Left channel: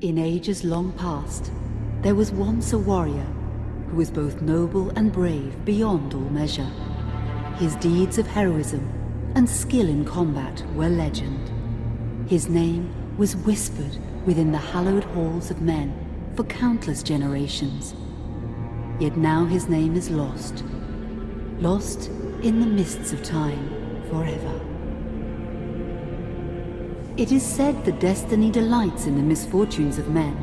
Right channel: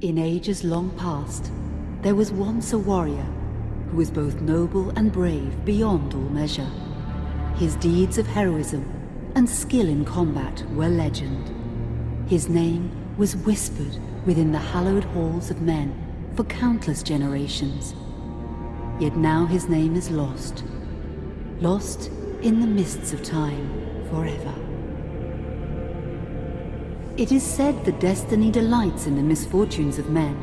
In ages long past, there was once a warrior who was both noble and brave beyond all measure. His deeds of heroism and skill in combat were legend. His name was whispered within the hallowed halls of men for countless generations. Yet now his name is lost. Lost in the mists of time forever. It is said that destiny delights in the misfortunes of men,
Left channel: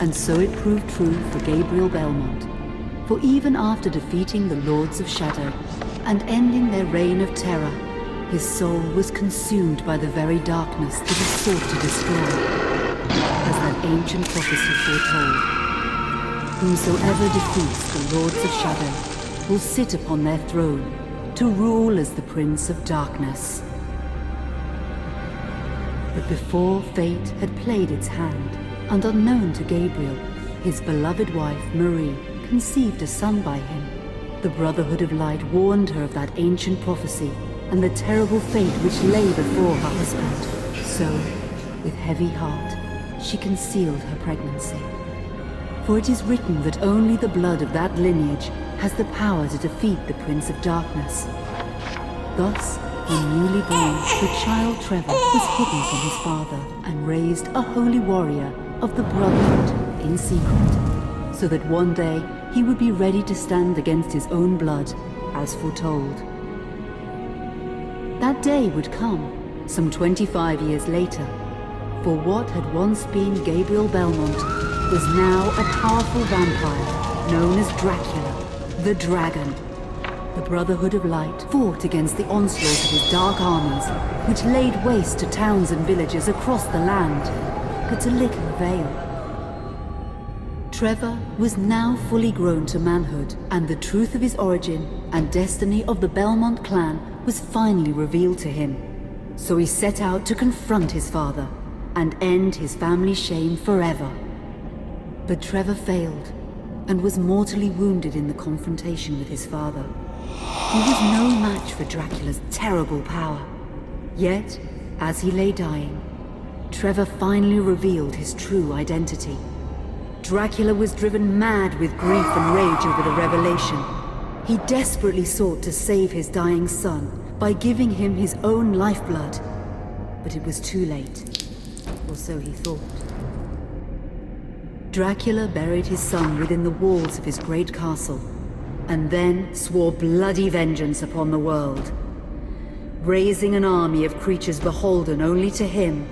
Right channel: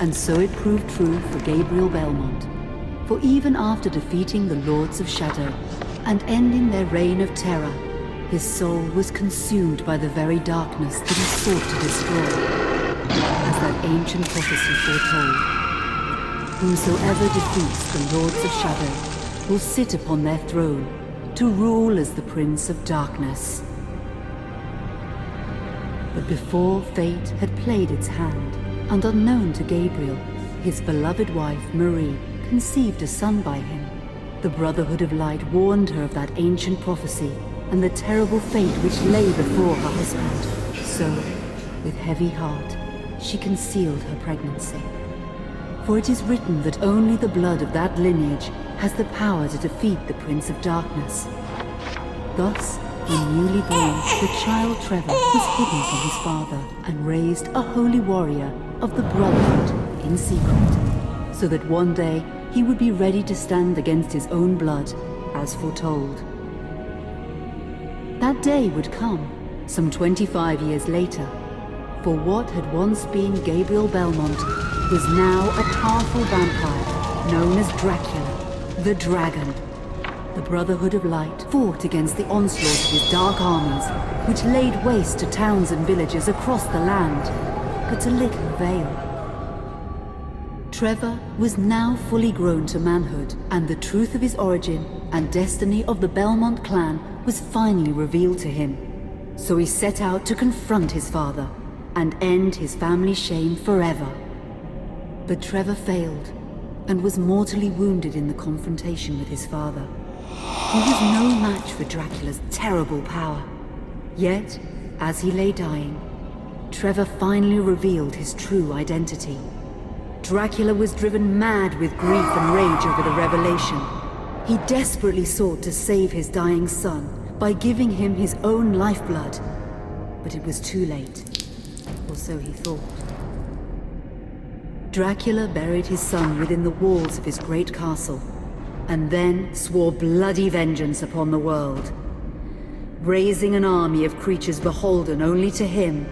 and so it proved true for Gabriel Belmont. For even after defeating the Lords of Shadow and ending their reign of terror, his soul was consumed by the very darkness that he sought to destroy. As that ancient prophecy foretold, whomsoever defeats the Lords of Shadow will sit upon their throne to rule as the Prince of Darkness. But before fate had played its hand, and unknown to Gabriel, his beloved wife Marie conceived a son by him. The Brotherhood of Light warned her of that ancient prophecy and the terrible fate which lay before her husband. So, with heavy heart, she concealed her pregnancy. For it is written that only the blood of that lineage has the power to defeat the Prince of Darkness. Thus, when newly born, the child Trevor was hidden from his father and raised a holy warrior of the Brotherhood in secret, so that one day he would be ready to stand against his own blood, as foretold. That day would come, some 25 years later, for what had once been Gabriel Belmont was now a powerful vampire known as Dracula, the Dragon. The Brotherhood of Light fought against the onslaught of his dark armies, which laid waste to towns and villages across the land, but to little avail. Trevor was now fully grown to manhood, and the truth of his origin and destiny of the Belmont clan was finally revealed to him. So he set out to confront his father and end his family's shame forever. But Trevor failed and was mortally wounded in the confrontation with his father. He was no match for Dracula's terrible power. Yet, as he lay dying, Trevor finally revealed his true identity. Dracula was driven mad with grief and rage over the revelation. He desperately sought to save his dying son by giving him his own lifeblood. But it was too late, or so he thought. Dracula buried his son within the walls of his great castle, and then swore bloody vengeance upon the world. Raising an army of creatures beholden only to him,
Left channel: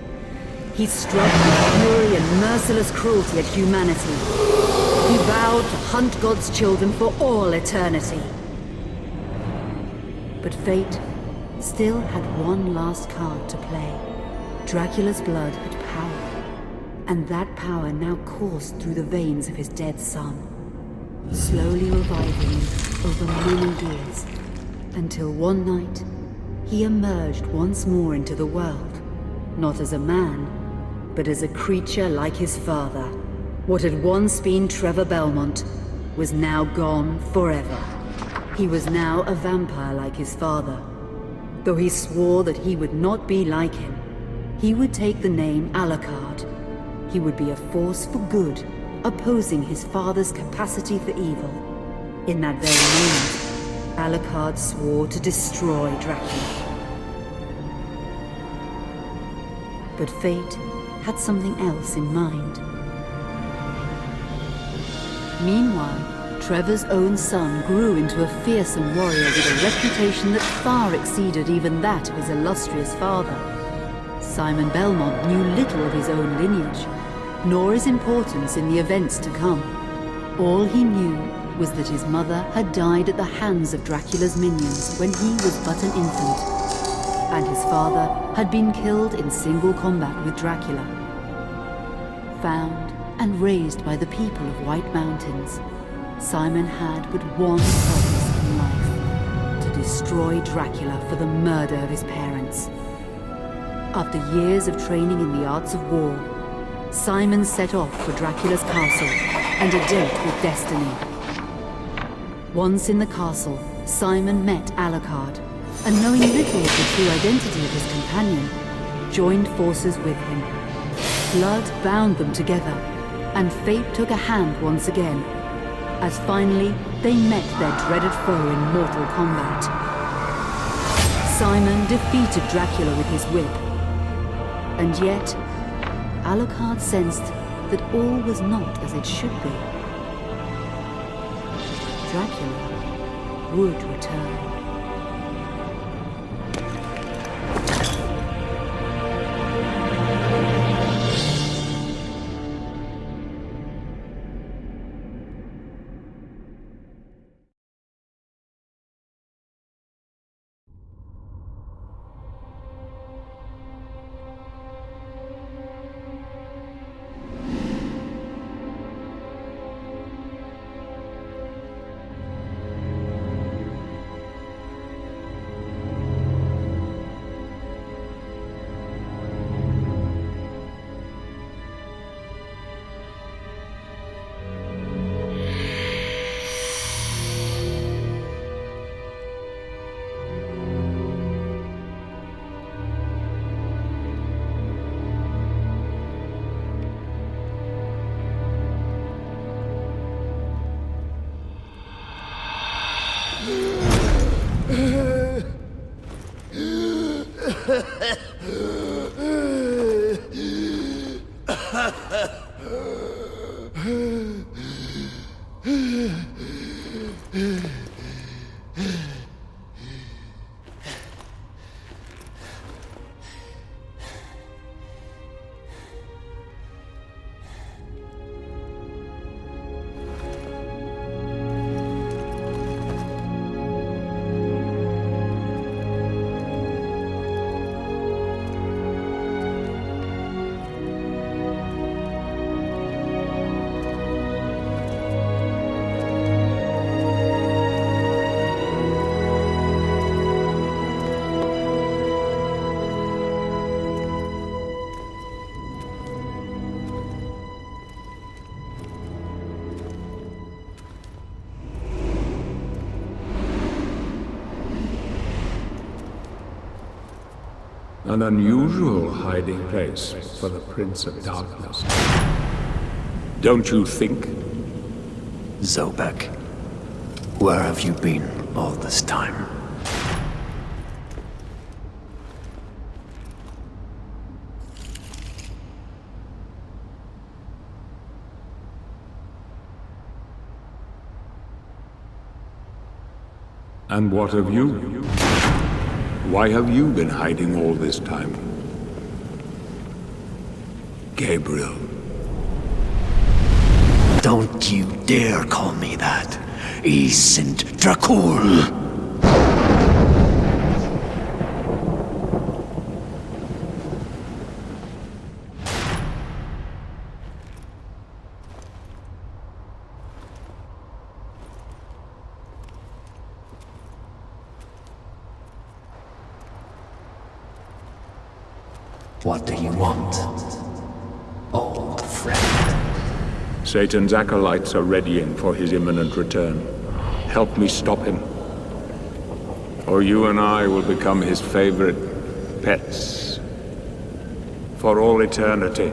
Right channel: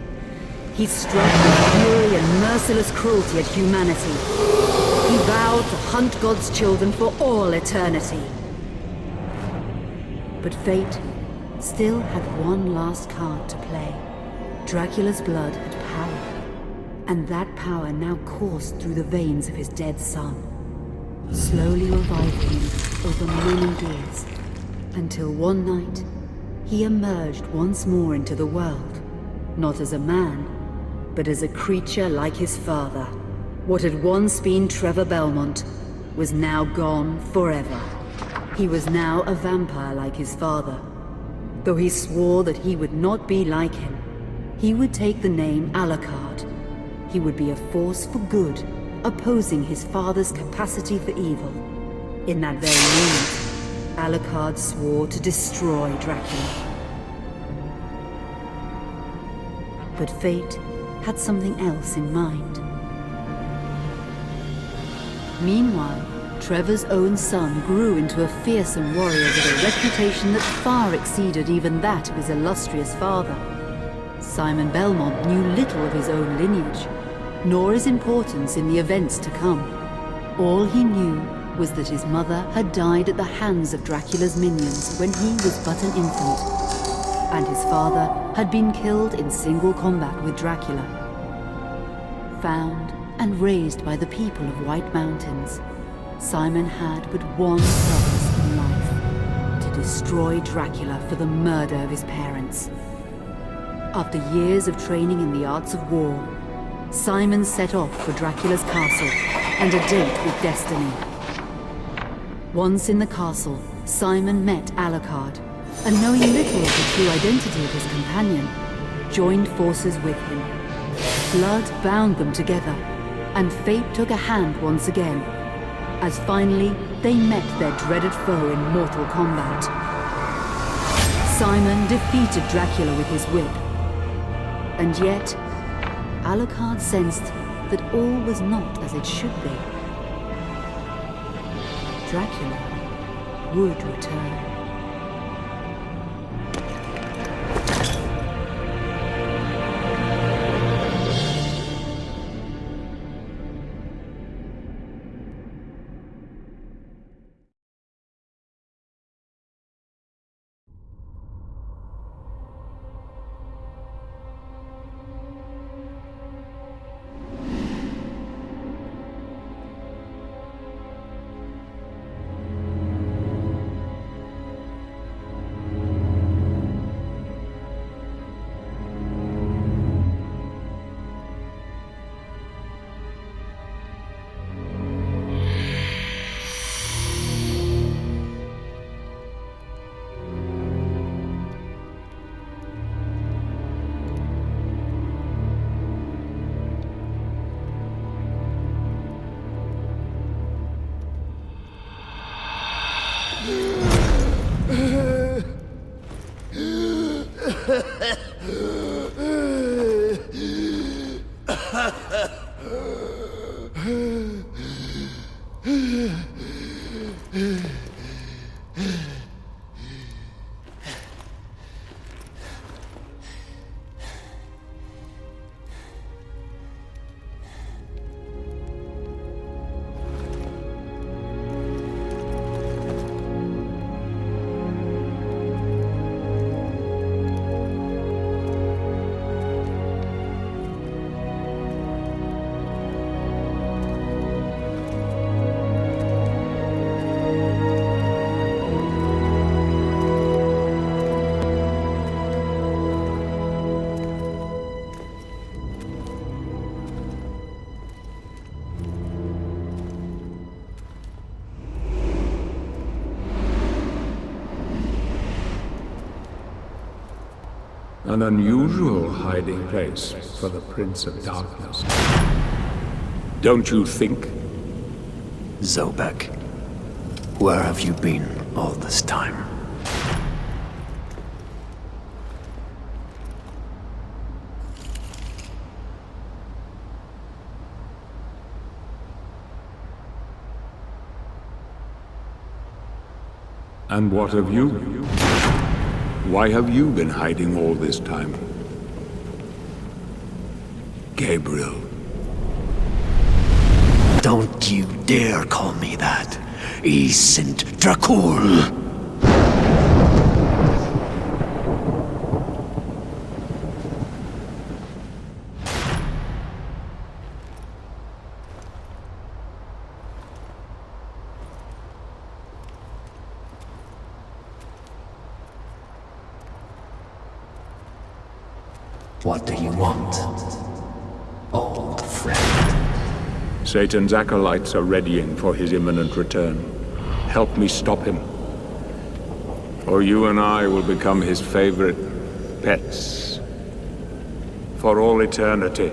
he struck with fury and merciless cruelty at humanity. He vowed to hunt God's children for all eternity. But fate still had one last card to play. Dracula's blood had power, and that power now coursed through the veins of his dead son, slowly reviving him over many years, until one night he emerged once more into the world, not as a man, but as a creature like his father. What had once been Trevor Belmont was now gone forever. He was now a vampire like his father. Though he swore that he would not be like him, he would take the name Alucard. He would be a force for good, opposing his father's capacity for evil. In that very moment, Alucard swore to destroy Dracula. But fate had something else in mind. Meanwhile, Trevor's own son grew into a fearsome warrior with a reputation that far exceeded even that of his illustrious father. Simon Belmont knew little of his own lineage, nor his importance in the events to come. All he knew was that his mother had died at the hands of Dracula's minions when he was but an infant, and his father had been killed in single combat with Dracula. Found and raised by the people of White Mountains, Simon had but one purpose in life: to destroy Dracula for the murder of his parents. After years of training in the arts of war, Simon set off for Dracula's castle and a date with destiny. Once in the castle, Simon met Alucard, and knowing little of the true identity of his companion, joined forces with him. Blood bound them together, and fate took a hand once again, as finally they met their dreaded foe in mortal combat. Simon defeated Dracula with his whip, and yet Alucard sensed that all was not as it should be. Dracula would return. An unusual hiding place for the Prince of Darkness. Don't you think? Zobek, where have you been all this time? And what of you? Why have you been hiding all this time? Gabriel. Don't you dare call me that. Saint Dracula! What do you want, old friend? Satan's acolytes are readying for his imminent return. Help me stop him, or you and I will become his favorite pets for all eternity.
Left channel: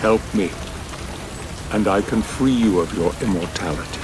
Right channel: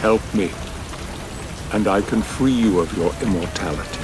Help me, and I can free you of your immortality.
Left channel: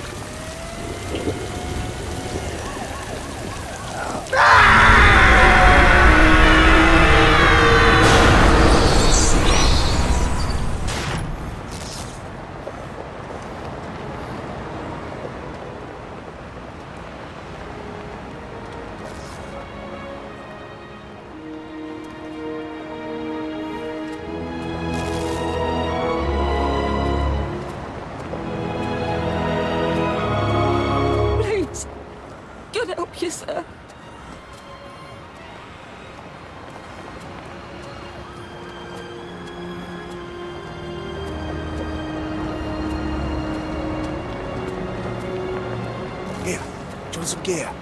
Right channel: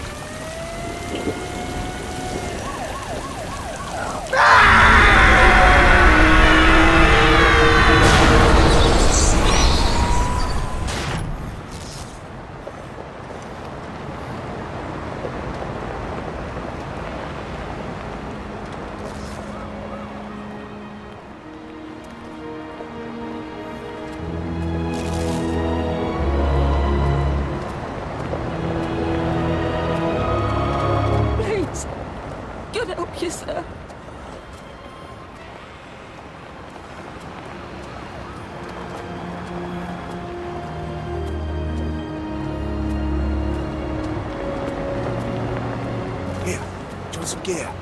God help you, sir. Here, do you want some gear?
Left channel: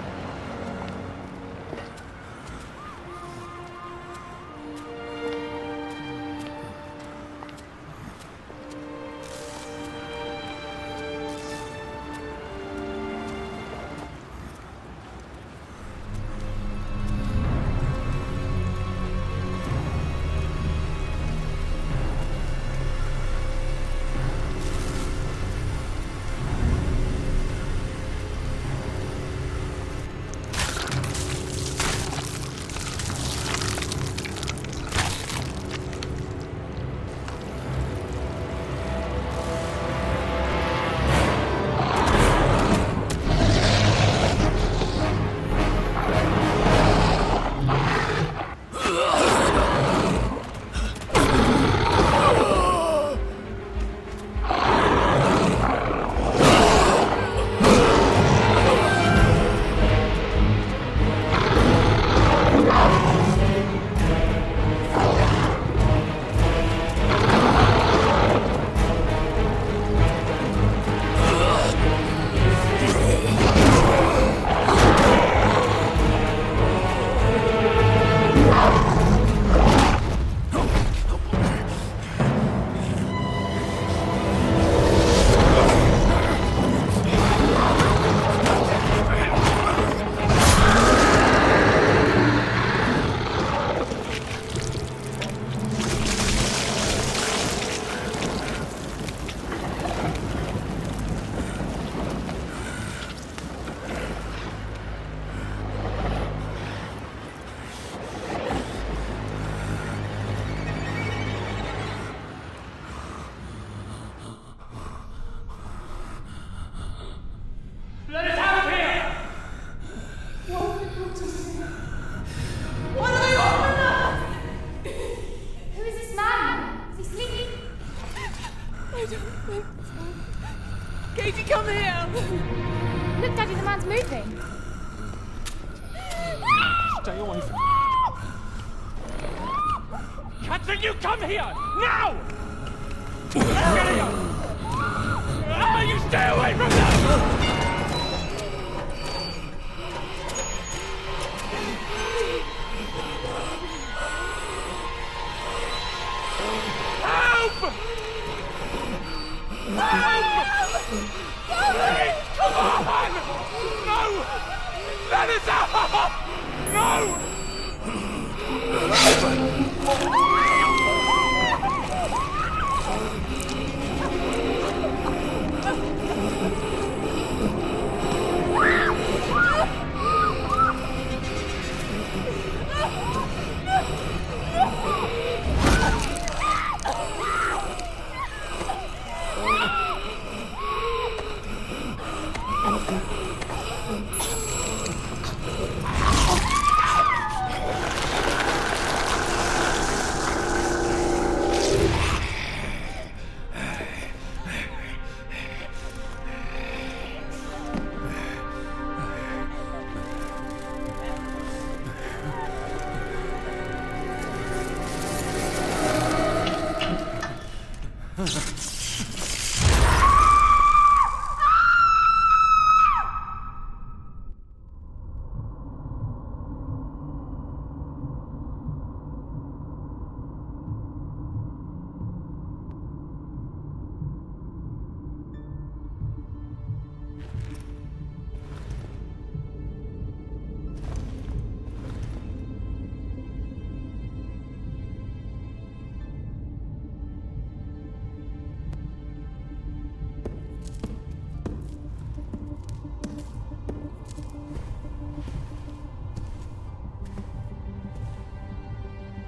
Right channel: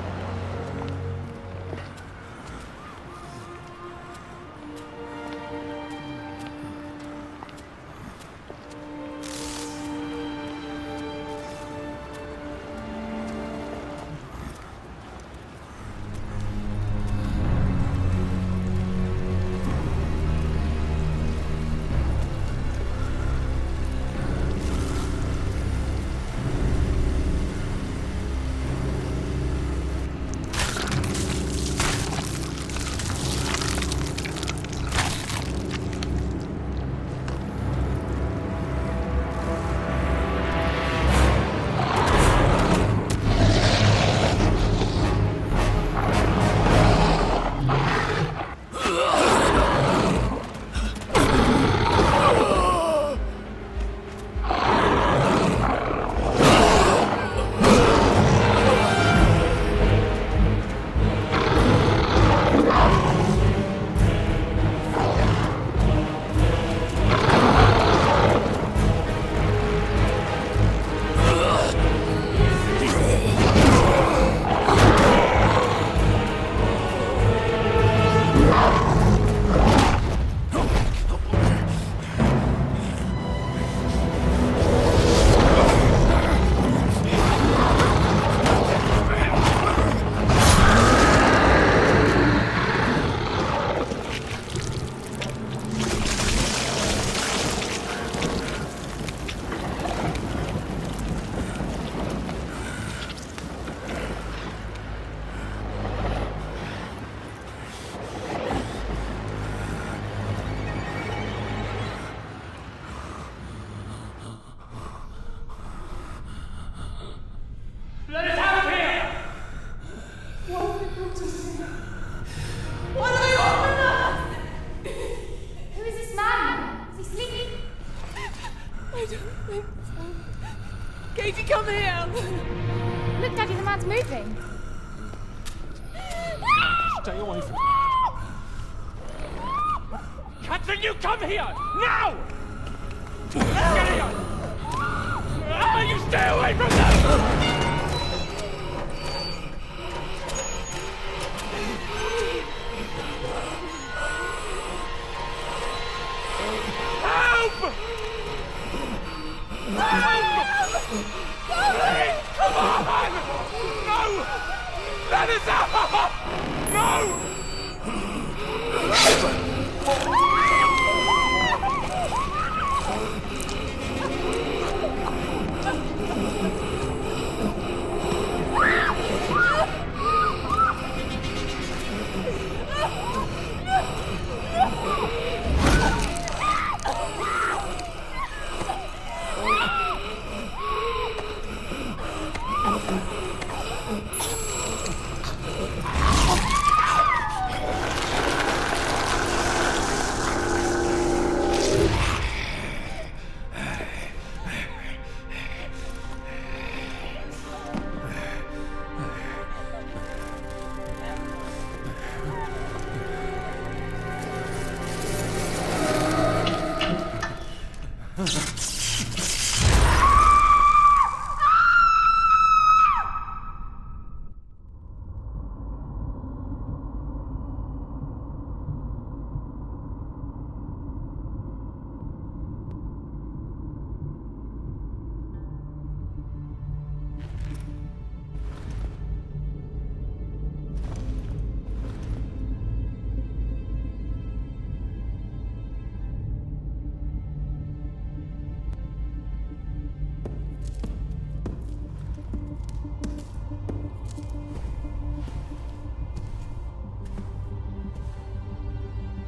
Let us out of here! What have they brought us here? What do they want from us? Who is this man? Is he sleeping? I don't think so. Katie, come here! Look, Daddy, the man's moving. Stay away from me. Catherine, you come here! Now! Get here! You stay away from them! Help! Help! Please, come on! No! Let us out! No!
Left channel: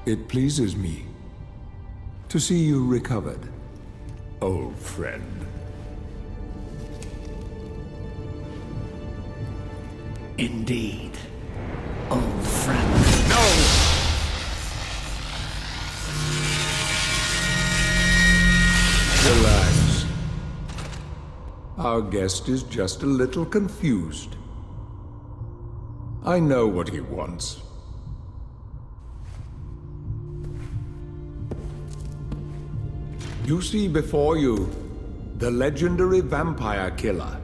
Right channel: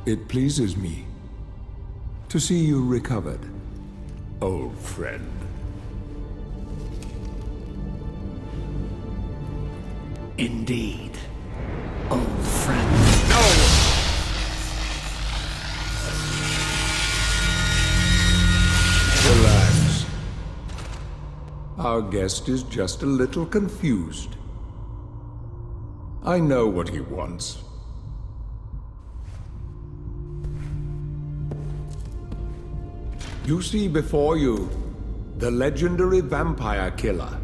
It pleases me to see you recovered, old friend. Indeed, old friend. No! Relax. Our guest is just a little confused. I know what he wants. You see before you the legendary vampire killer.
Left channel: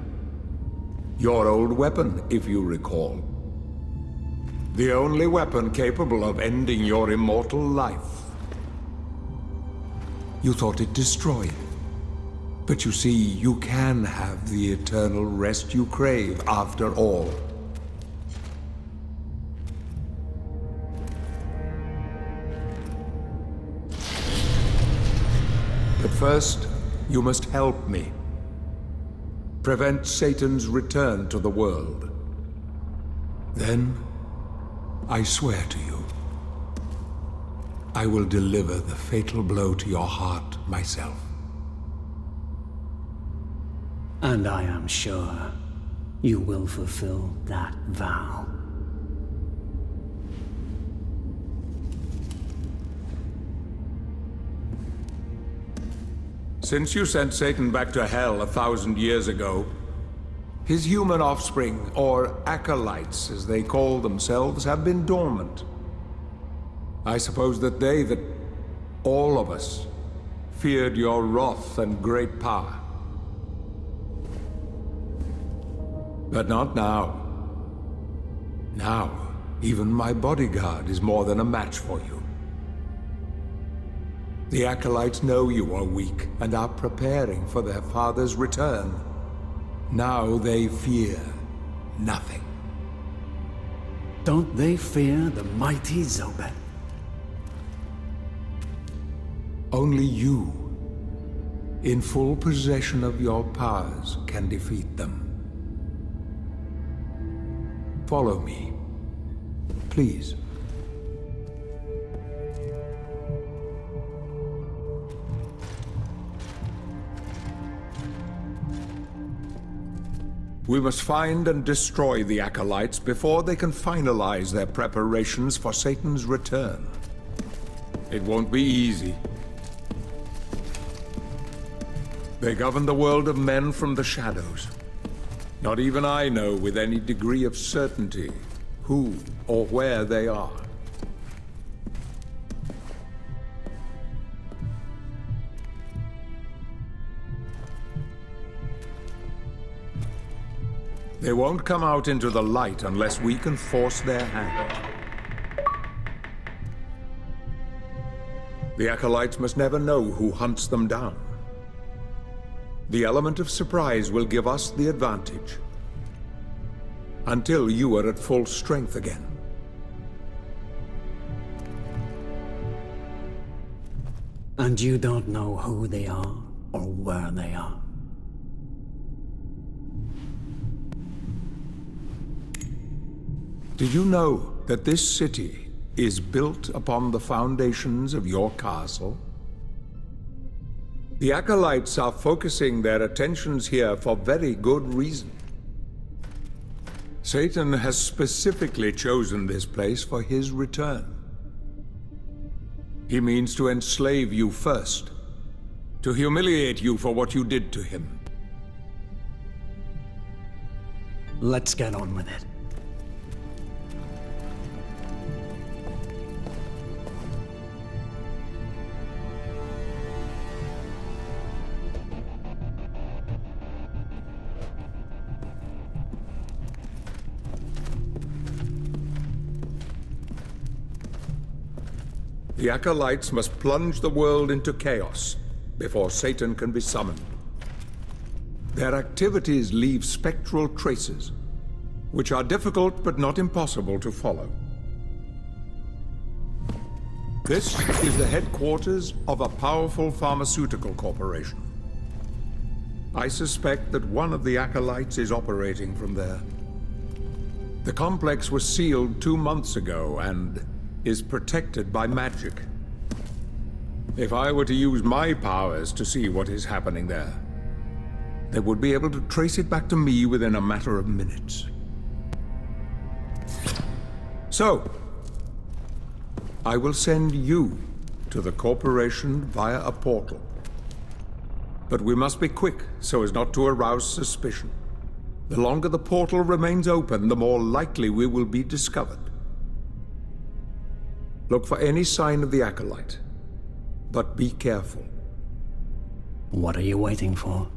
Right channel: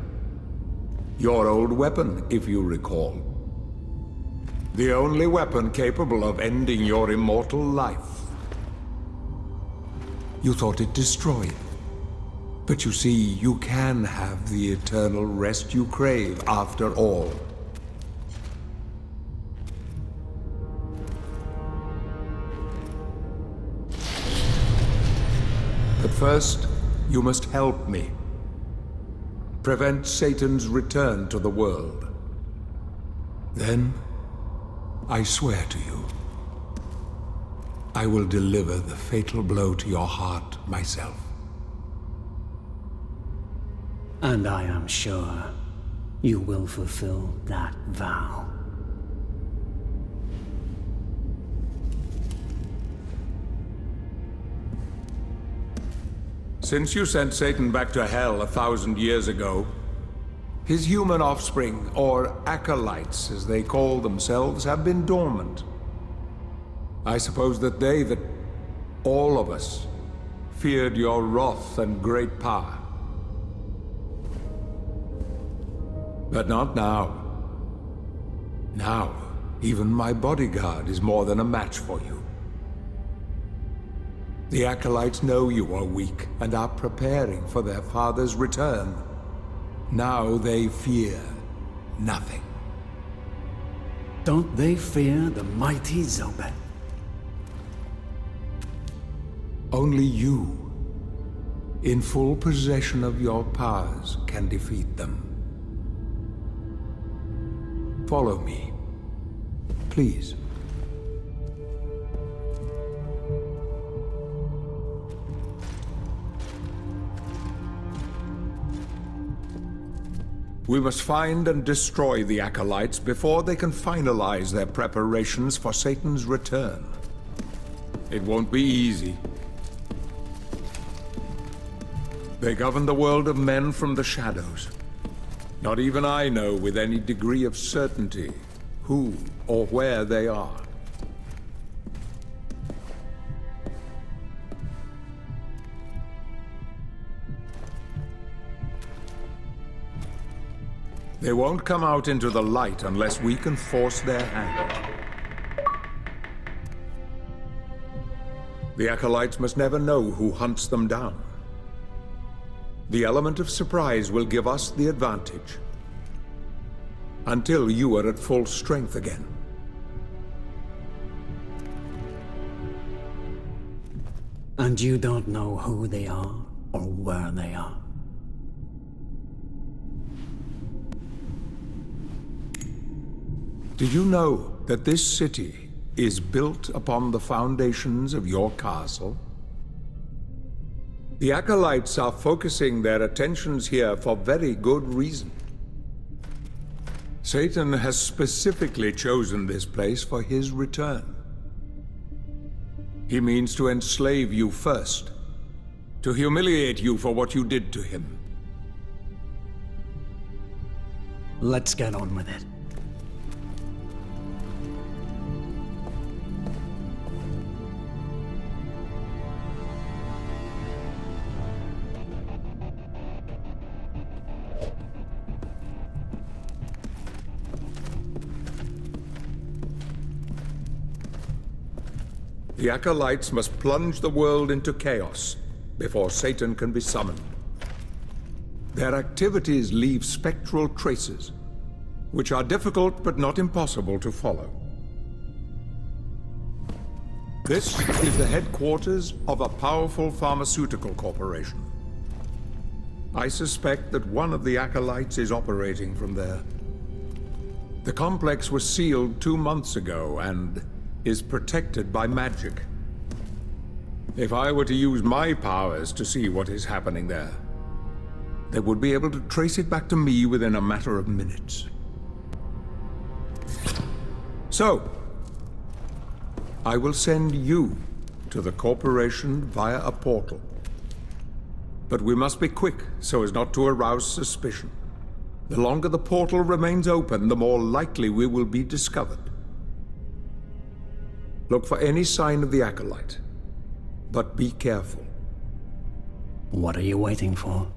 Your old weapon, if you recall. The only weapon capable of ending your immortal life. You thought it destroyed. But you see, you can have the eternal rest you crave after all. But first, you must help me. Prevent Satan's return to the world. Then, I swear to you, I will deliver the fatal blow to your heart myself. And I am sure you will fulfill that vow. Since you sent Satan back to hell 1,000 years ago, his human offspring, or acolytes as they call themselves, have been dormant. I suppose that all of us, feared your wrath and great power. But not now. Now, even my bodyguard is more than a match for you. The acolytes know you are weak and are preparing for their father's return. Now they fear nothing. Don't they fear the mighty Zobek? Only you, in full possession of your powers, can defeat them. Follow me, please. We must find and destroy the acolytes before they can finalize their preparations for Satan's return. It won't be easy. They govern the world of men from the shadows. Not even I know with any degree of certainty who or where they are. They won't come out into the light unless we can force their hand. The acolytes must never know who hunts them down. The element of surprise will give us the advantage. Until you are at full strength again. And you don't know who they are or where they are. Did you know that this city is built upon the foundations of your castle? The acolytes are focusing their attentions here for very good reason. Satan has specifically chosen this place for his return. He means to enslave you first, to humiliate you for what you did to him. Let's get on with it. The acolytes must plunge the world into chaos before Satan can be summoned. Their activities leave spectral traces, which are difficult but not impossible to follow. This is the headquarters of a powerful pharmaceutical corporation. I suspect that one of the acolytes is operating from there. The complex was sealed 2 months ago, and is protected by magic. If I were to use my powers to see what is happening there, they would be able to trace it back to me within a matter of minutes. So, I will send you to the corporation via a portal. But we must be quick so as not to arouse suspicion. The longer the portal remains open, the more likely we will be discovered. Look for any sign of the Acolyte, but be careful. What are you waiting for?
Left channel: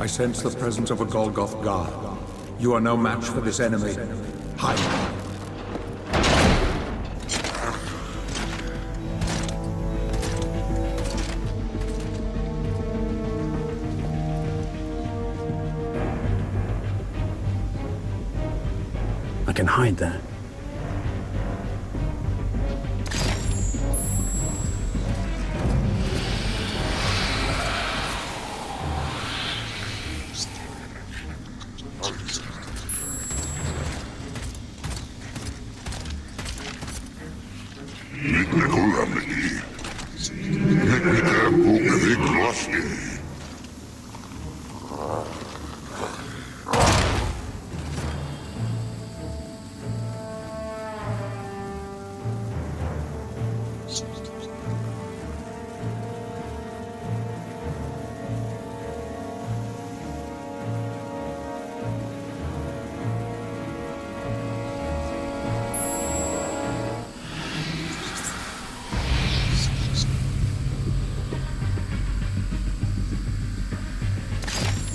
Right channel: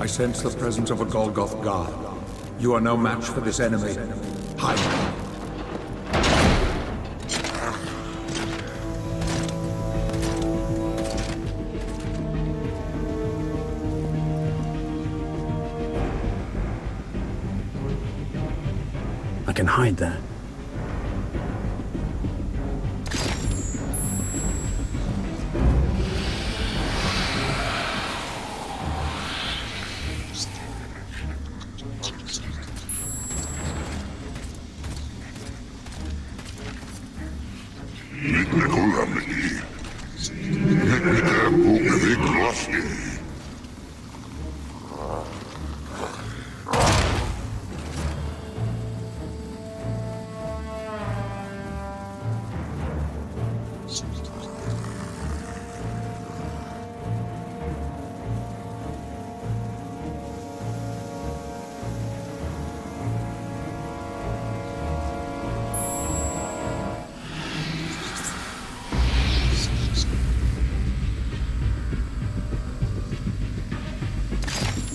I sense the presence of a Golgoth god. You are no match for this enemy. Hide. I can hide there.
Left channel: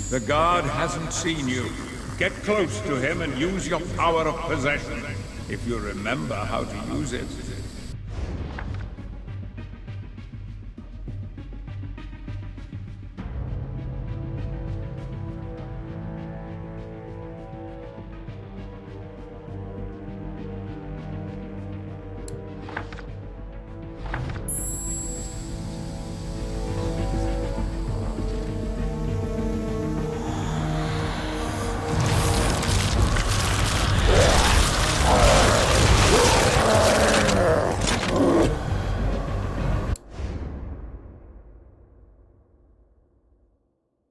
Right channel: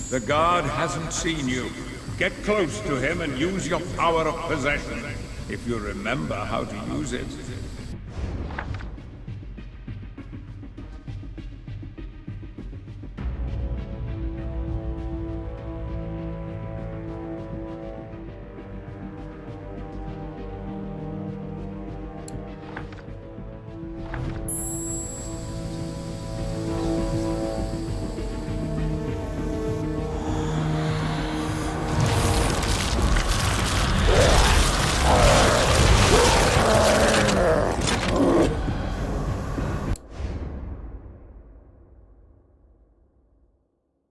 The god hasn't seen you. Get close to him and use your power of possession. If you remember how to use it.